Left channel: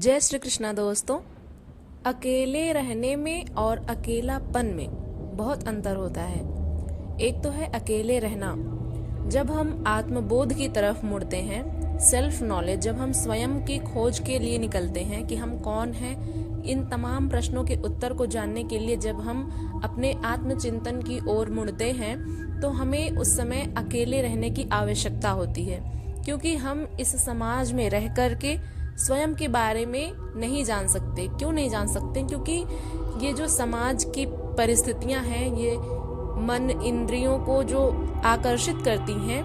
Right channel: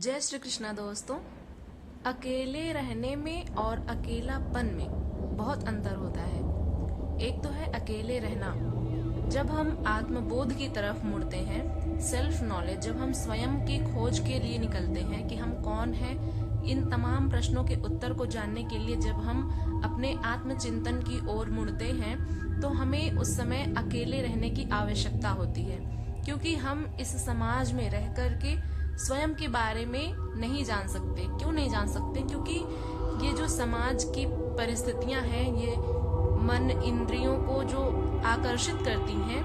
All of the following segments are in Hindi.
जय श्री कृष्णा दोस्तों। अकेले रहने में और अकेलापन में बहुत अंतर होता है। एक तो है अकेले रहना, जब हम आत्मबोध की तरफ मुड़ते हैं, सेल्फ नॉलेज, जब हम स्वयं की खोज के लिए निकलते हैं कि हम कौन हैं, इन तमाम प्रश्नों के उत्तर को जानने के लिए जब हम अपने आत्मचिंतन की ओर मुड़ते हैं, तो हमें उस समय अकेले रहने की आवश्यकता होती है, क्योंकि हम इस समाज में रह करके स्वयं के बारे में नहीं जान सकते। क्यों नहीं जान सकते? क्योंकि ये जो समाज की परिस्थितियां हैं, ये मन इंद्रियों को जो आकर्षित करती हैं,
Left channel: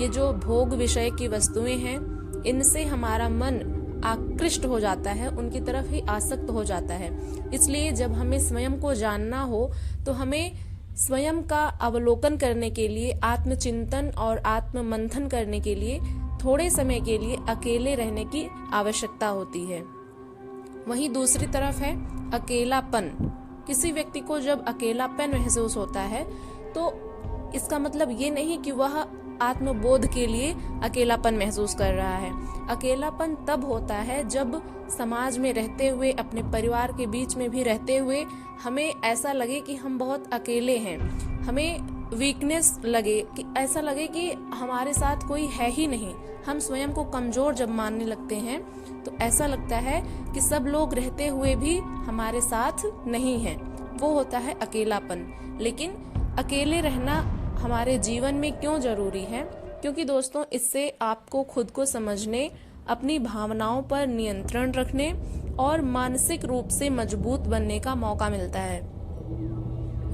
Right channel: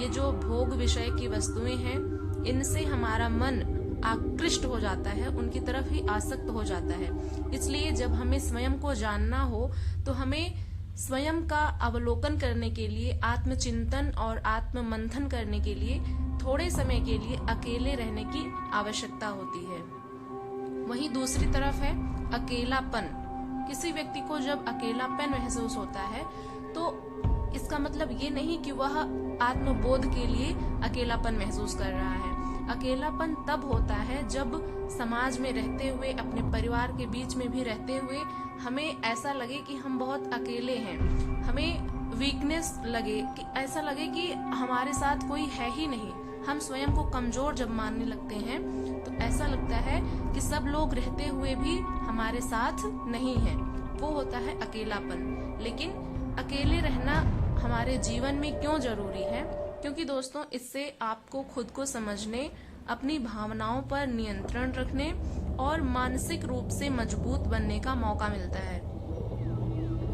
ये जो भोग विषय की वस्तुएं हैं, इनसे हमारा मन आकृष्ट हो जाता है, उनकी तरफ ही आसक्त हो जाता है। इसलिए जब हमें स्वयं को जानना हो तो हमें स्वयं का अवलोकन करने के लिए, आत्मचिंतन और आत्म मंथन करने के लिए थोड़े समय के लिए अकेले रहने की आवश्यकता होती है। वहीं दूसरी तरफ है अकेलापन। किसी व्यक्ति को जब अकेलापन महसूस होता है तो इसका मतलब ये नहीं कि वह आत्मबोध के लिए अकेलापन महसूस कर रहा है। अकेलापन तब होता है जब समाज में रहते हुए, अपने परिवार के बीच में भी रहते हुए हमें ऐसा लगे कि हम बहुत अकेले हैं, हमें वीकनेस लगे, कि ऐसा लगे कि हमारे साथ कोई है ही नहीं। हम स्वयं को कमजोर जब मानने लगते हैं तो ऐसा लगता है कि सब लोग रहते हुए भी हमारे साथ नहीं है। वो होता है अकेलापन। लेकिन अकेले रहना हमारे जीवन में क्यों जरूरी है? क्योंकि दोस्तों, इससे आपको खुद को समझने, अपनी भावनाओं पर नियंत्रण रखने और मानसिक रूप से मजबूत बनने का मौका मिलता है।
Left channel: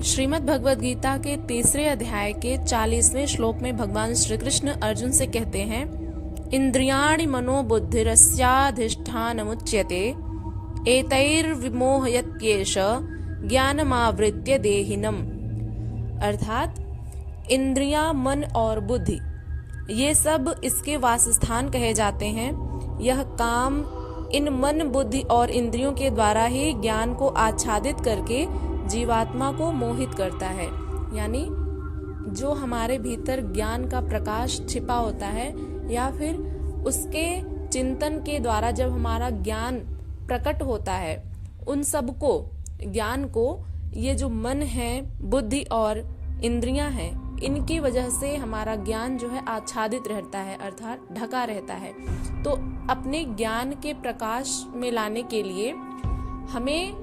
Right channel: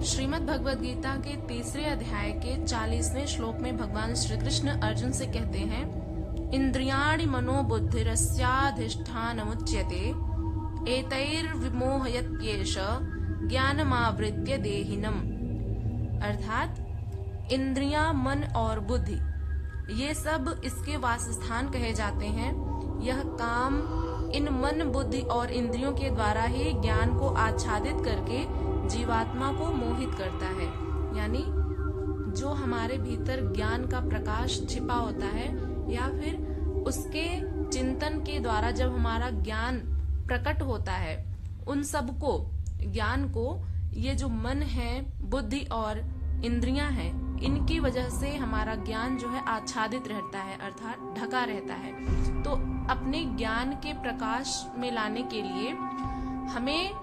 श्रीमद् भगवद गीता के 3 अध्याय के 40वें श्लोक में भगवान श्री कृष्ण अर्जुन से कहते हैं, इंद्रियाणि मनोबुद्धिरस्याधिष्ठानमुच्यते एतैर्विमोहयत्येष ज्ञानमावृत्य देहिनम्। अर्थात इंद्रियां, मन और बुद्धि, ये सब इसके वासस्थान कहे जाते हैं। यह काम इन मन, बुद्धि और इंद्रियों के द्वारा ही ज्ञान को आच्छादित करके जीवात्मा को मोहित करता है। यानी जो हमारे भीतर ज्ञान का प्रकाश छिपा होता है, या फिर उसके चिंतन के द्वारा जब हमारा ज्ञान प्रकट होता है, उन सबको, ज्ञान को, ये जो मन है, बुद्धि और इंद्रियां हैं, इनकी वजह से हमारा ज्ञान जो है आच्छादित रहता है, अर्थात ढका रहता है। तो अपने ज्ञान के प्रकाश में लाने के लिए हमें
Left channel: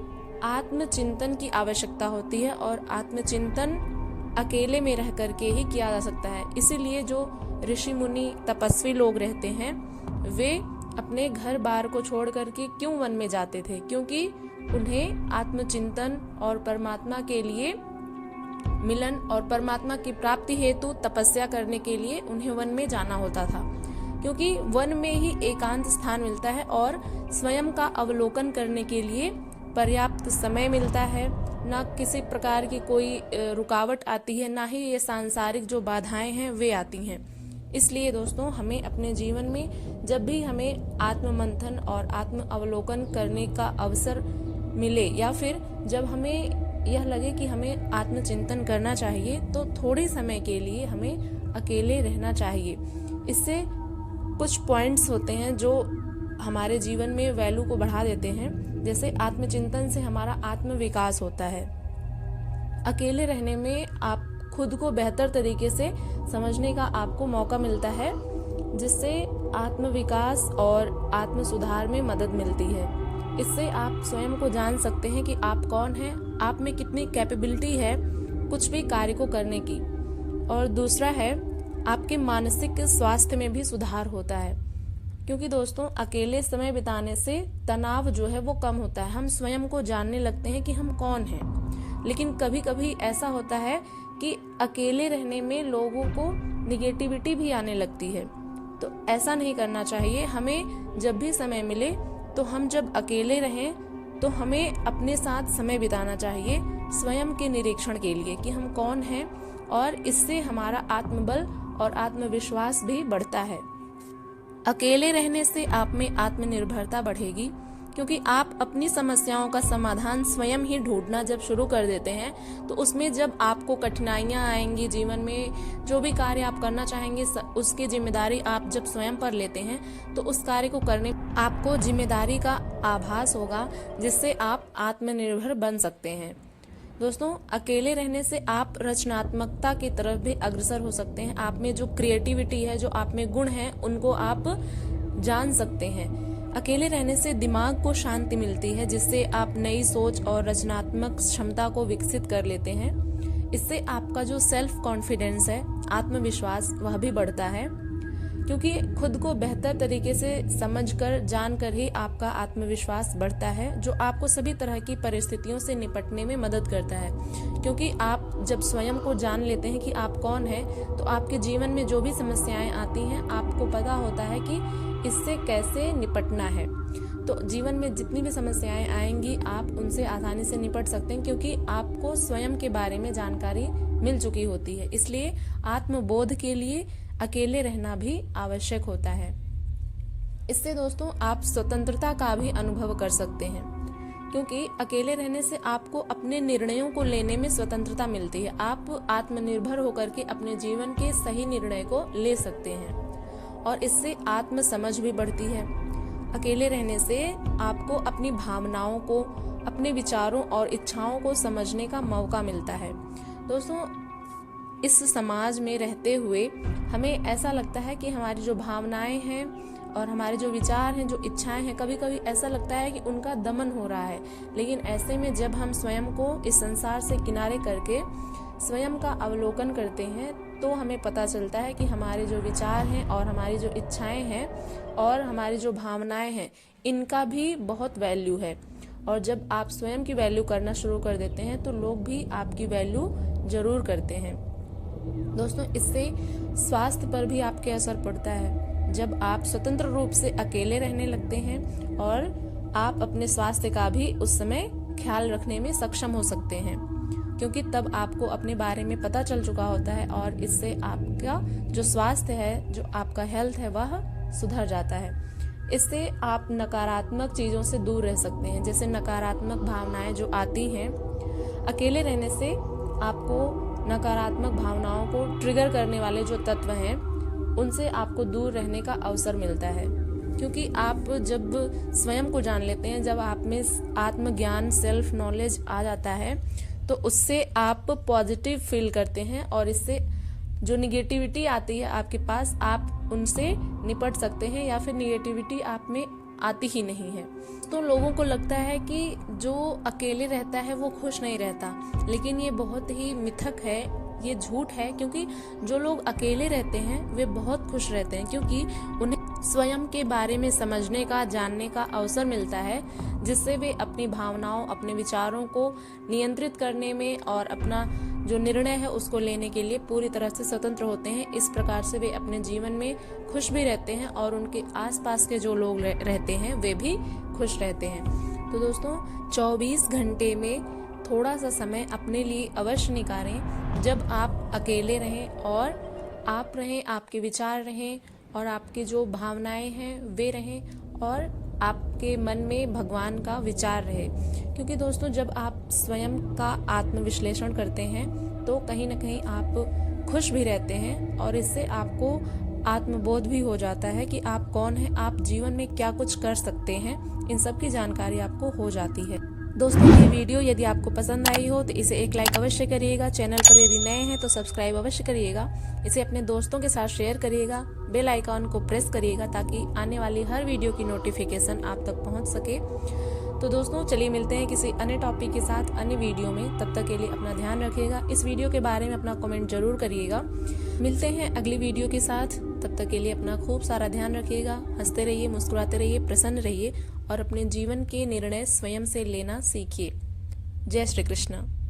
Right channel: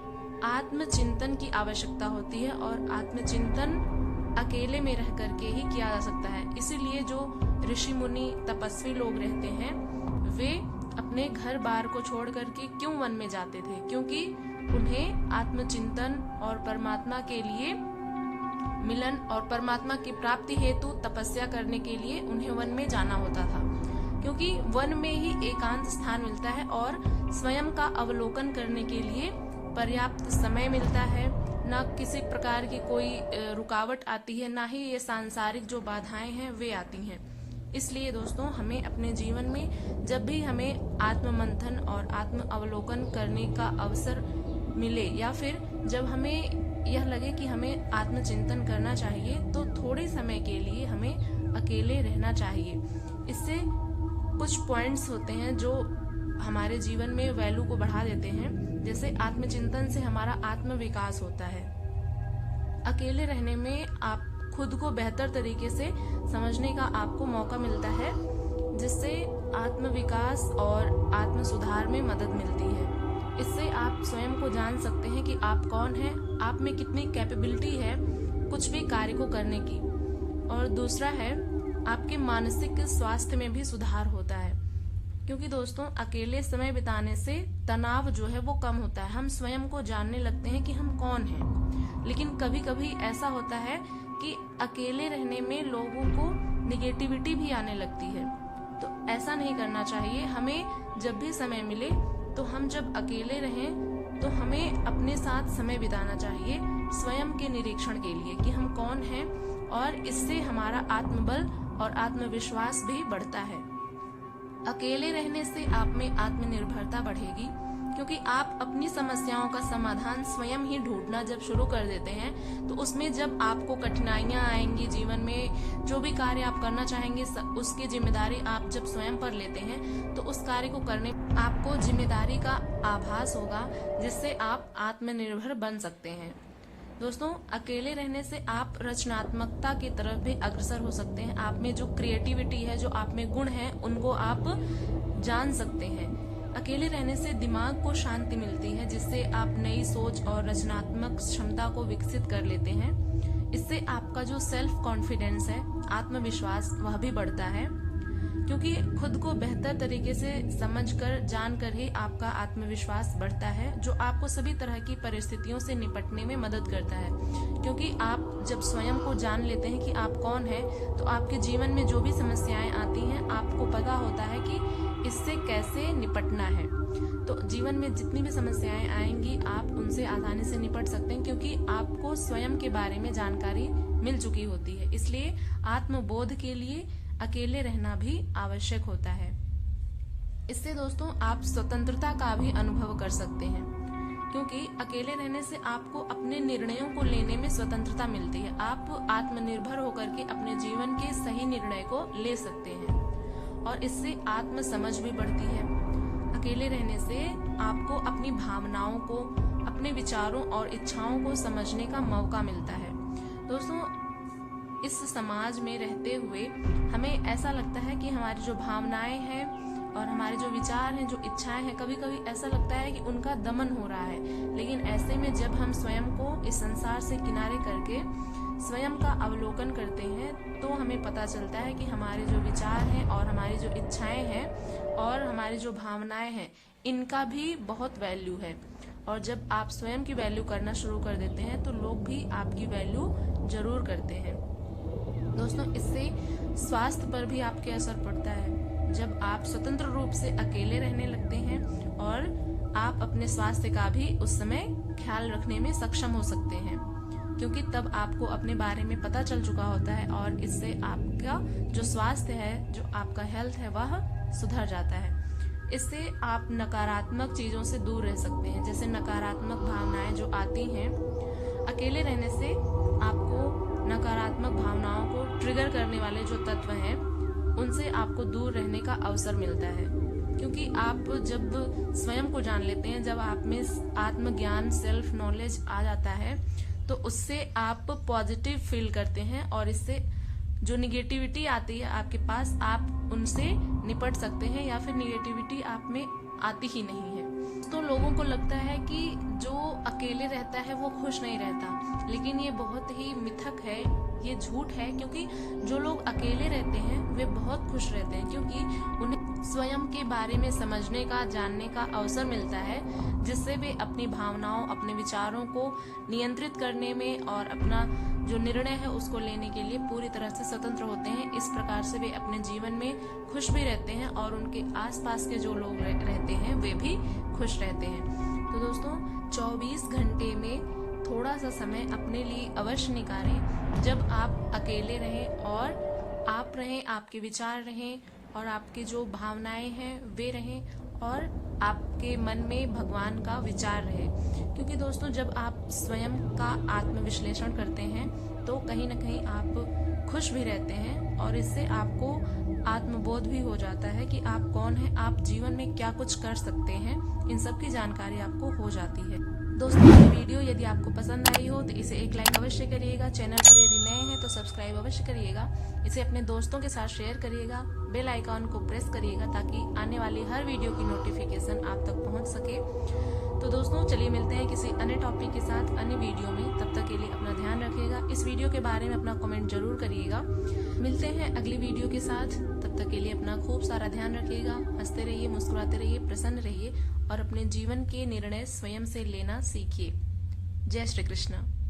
आत्मचिंतन की आवश्यकता होती है, और आत्मचिंतन अकेले में रह करके ही किया जा सकता है। इसीलिए जो ऋषि मुनि तपस्वी लोग रहते हैं, वे अपने घर बार को छोड़ करके क्यों वन में जाते थे? क्योंकि उन्हें आत्मचिंतन और परमात्मा के लिए मिलन और परमात्मा की प्राप्ति हेतु तपस्या करने के लिए उन्हें वन में जाना होता था। क्योंकि वन में ही एकांत स्थान मिलता है और स्वयं का अवलोकन करने के लिए पर्याप्त समय मिलता है, ना किसी प्रकार की कोई रुकावट आती है, ना ही ये सांसारिक जो बाधाएं हैं वे आती हैं। इसलिए दोस्तों, हमें अपने जीवन में जब भी हमें आत्म मंथन और आत्म अवलोकन करने का अवसर मिले, या फिर जब हमें यह लगे कि हमें आत्मचिंतन करना चाहिए, तो थोड़े समय के लिए हमें अकेले रहना चाहिए। इससे कुछ पॉइंट्स होते हैं जो हमारे जीवन में वैल्यू को बढ़ा देते हैं। जैसे आत्मचिंतन से हमारा आत्म विकास होता है। अकेले रहने में आप खुद को बेहतर तरीके से समझने का आपको मौका मिलता है, जिससे आत्म विकास और आत्म सुधार में मदद मिलती है। इससे आप स्वयं को जान सकते हैं कि आप कौन हैं, आप में कितनी कैपेबिलिटी है कुछ भी कार्य को करने की। और दूसरा है, आपके मानसिक स्वास्थ्य में भी सुधार होता है। क्योंकि दोस्तों, अकेले समय बिताने से तनाव जो है वो कम होता है। हम स्वयं को जानने लगते हैं कि हम कौन हैं। लेकिन कभी कभी ऐसा होता है कि अकेले रहने में लोगों को निगेटिविटी भी आने लगती है। तो ऐसा नहीं करना चाहिए। हमें जब भी समय मिले, तो हम जब अकेले रहें तो हमें अपने साथ समय बिताना चाहिए, स्वयं के निरीक्षण के लिए कि हम कौन हैं, और इससे हमारा आत्मबल और आत्मविश्वास भी बढ़ता है। अकेले रहने से आप में आत्मनिर्भरता बढ़ेगी, क्योंकि आप अपनी समस्याओं का समाधान स्वयं ही ढूंढना जब शुरू कर देते हैं तो उसमें जब आपको कठिनाइयां आएंगी जीवन में, जो भी कार्य आप करना चाहेंगे उसकी जिम्मेदारी आप जब स्वयं पर लेते हैं तो उस कार्य को करने आपको जिम्मेदारी का आभास होगा, जिससे आप आत्मनिर्भर बन सकते हैं। दोस्तों, अकेले रहने से आप रचनात्मकता की तरफ भी अग्रसर हो सकते हैं। आप में जो क्रिएटिविटी है, जो आप में गुण हैं, उनको आप जान सकते हैं। अकेले रहने से दिमाग को शांति मिलती है, जिससे आप नई सोच और रचनात्मक क्षमता को विकसित कर लेते हैं। इससे आपका जो सेल्फ कॉन्फिडेंस है, आत्मविश्वास, वह भी बढ़ता है, क्योंकि खुद को बेहतर तरीके से समझकर जानकर ही आपका आत्मविश्वास बढ़ता है, जो आपको सभी तरह की परिस्थितियों से निपटने में मदद करता है। क्योंकि आप जब स्वयं को जान लेते हैं कि आप कौन हैं, तो आपके जीवन में जो भी समस्याएं आती हैं, आपको पता होता है कि इससे कैसे निपटना है। तो जीवन में जितनी भी समस्याएं आएंगी, आप उनसे आसानी से निपट सकते हैं, क्योंकि आपको स्वयं के बारे में जानकारी मिल चुकी होती है। इसलिए आत्मबोध के लिए अकेले रहना भी आवश्यक होता है। इससे दोस्तों आप स्वतंत्रता का भी अनुभव कर सकते हैं, क्योंकि अकेले रहने से आपको अपने निर्णयों को लेने में स्वतंत्रता मिलती है। आप आत्मनिर्भर होकर के अपने जीवन के सही निर्णय को ले सकते हैं और इससे आत्म समझ भी बढ़ती है। अकेले रहने से आपको अपनी भावनाओं को, अपने विचारों और इच्छाओं को समझने का मौका मिलता है। दोस्तों, इस समाज में रहते हुए हमें ऐसा लगता है कि हमारी जो भावनाएं हैं और हमारे जो विचार हैं, जो इच्छाएं हैं, कभी कभी ऐसा लगता है कि उनका दमन हो रहा है। लेकिन ऐसे में जब हम स्वयं को इस संसार से किनारे करके स्वयं का अवलोकन करते हैं, तो हमें पता चलता है कि हमारे जो विचार हैं और हमारी जो इच्छाएं हैं और हमारी जो भावनाएं हैं, इनका भी बहुत वैल्यू है। और जब आप स्वयं की वैल्यू करना शुरू कर देते हैं तो लोग भी आपकी वैल्यू जरूर करते हैं। दोस्तों, इससे स्वास्थ्य पर भी आपके असर पड़ता है। जब आप स्वतंत्र रूप से अकेले रहने लगते हैं और आप अपने स्वास्थ्य का भी उस समय ख्याल रखने में सक्षम हो सकते हैं, क्योंकि तब आपको अपने बारे में पता चल चुका होता है और इससे आपका जो स्वास्थ्य है, जो आपका हेल्थ है, वह सुधर जाता है। इससे आप नकारात्मक चीजों से दूर रह सकते हैं। जैसे नकारात्मक भावनाएं जो आती हैं, अकेले रहने से आपको नकारात्मक भावनाओं को ट्रिगर करने वाले जो तत्व हैं, उनसे आपको दूर रहने का अवसर मिलता है। क्योंकि आप जब स्वयं को जान लेते हैं, जब आप में आत्मज्ञान, सेल्फ नॉलेज आ जाता है, तो उससे आप पॉजिटिव फील करते हैं और इससे जो निगेटिविटी आती है आपके पास, आप उनसे निपट सकते हैं या फिर निगेटिविटी आप में आती ही नहीं है। तो लोगों को लगता है कि जो अकेले रहता है वो खुश नहीं रहता, लेकिन ये बहुत ही मिथक है, ये झूठ है। क्योंकि जो लोग अकेले रहते हैं वे बहुत खुश रहते हैं, क्योंकि उन्हें स्वयं के बारे में समझने का, जानने का अवसर मिलता है, जिससे वे अपनी भावनाओं, अपने विचारों को नियंत्रित करने में और अपना जो निर्णय है उसको लेने के लिए पूरी तरह से स्वतंत्र होते हैं। इस प्रकार से वे अपने जीवन में खुश भी रहते हैं और उनके आसपास के जो लोग रहते हैं वे भी खुश रहते हैं। तो दोस्तों, 24 घंटे में थोड़ा सा समय अपने लिए अवश्य निकालें, जब आप अकेले रहें और आप रहें, आपके विचार रहें और आपकी जो भावनाएं हैं वे रहें और आपके मन में भगवान का विचार रहे। क्योंकि दोस्तों, जब आप स्वयं का आत्मविश्लेषण करते हैं तो कहीं ना कहीं आप खुश भी रहते हैं और इससे आपको आत्मबोध भी हो जाता है कि आप कौन हैं, आप जीवन में क्या कुछ कर सकते हैं। इन सब की जानकारी आपको हो जाती है। दोस्तों, ये वीडियो यदि आपको पसंद आई हो तो इसे एक लाइक अवश्य करिएगा। चैनल पर यदि नए हैं तो सब्सक्राइब अवश्य करिएगा। इसे अपने दोस्तों के साथ शेयर करिएगा। बेल आइकॉन को प्रेस करिएगा ताकि आने वाली हर वीडियो की नोटिफिकेशन आप तक पहुंच सके। तो दोस्तों, चलिए मिलते हैं किसी अन्य टॉपिक के साथ अन्य वीडियो में। तब तक के लिए अपना ध्यान रखिएगा। इस वीडियो के बारे में अपना कमेंट जरूर करिएगा। मिलते हैं अगली वीडियो के साथ। तब तक के लिए अपना खूब सारा ध्यान रखिएगा। हंसते रहिए, मुस्कुराते रहिए, प्रसन्न रहिए और अपने जीवन के निर्णय स्वयं से लेना सीखिए। जय श्री कृष्ण।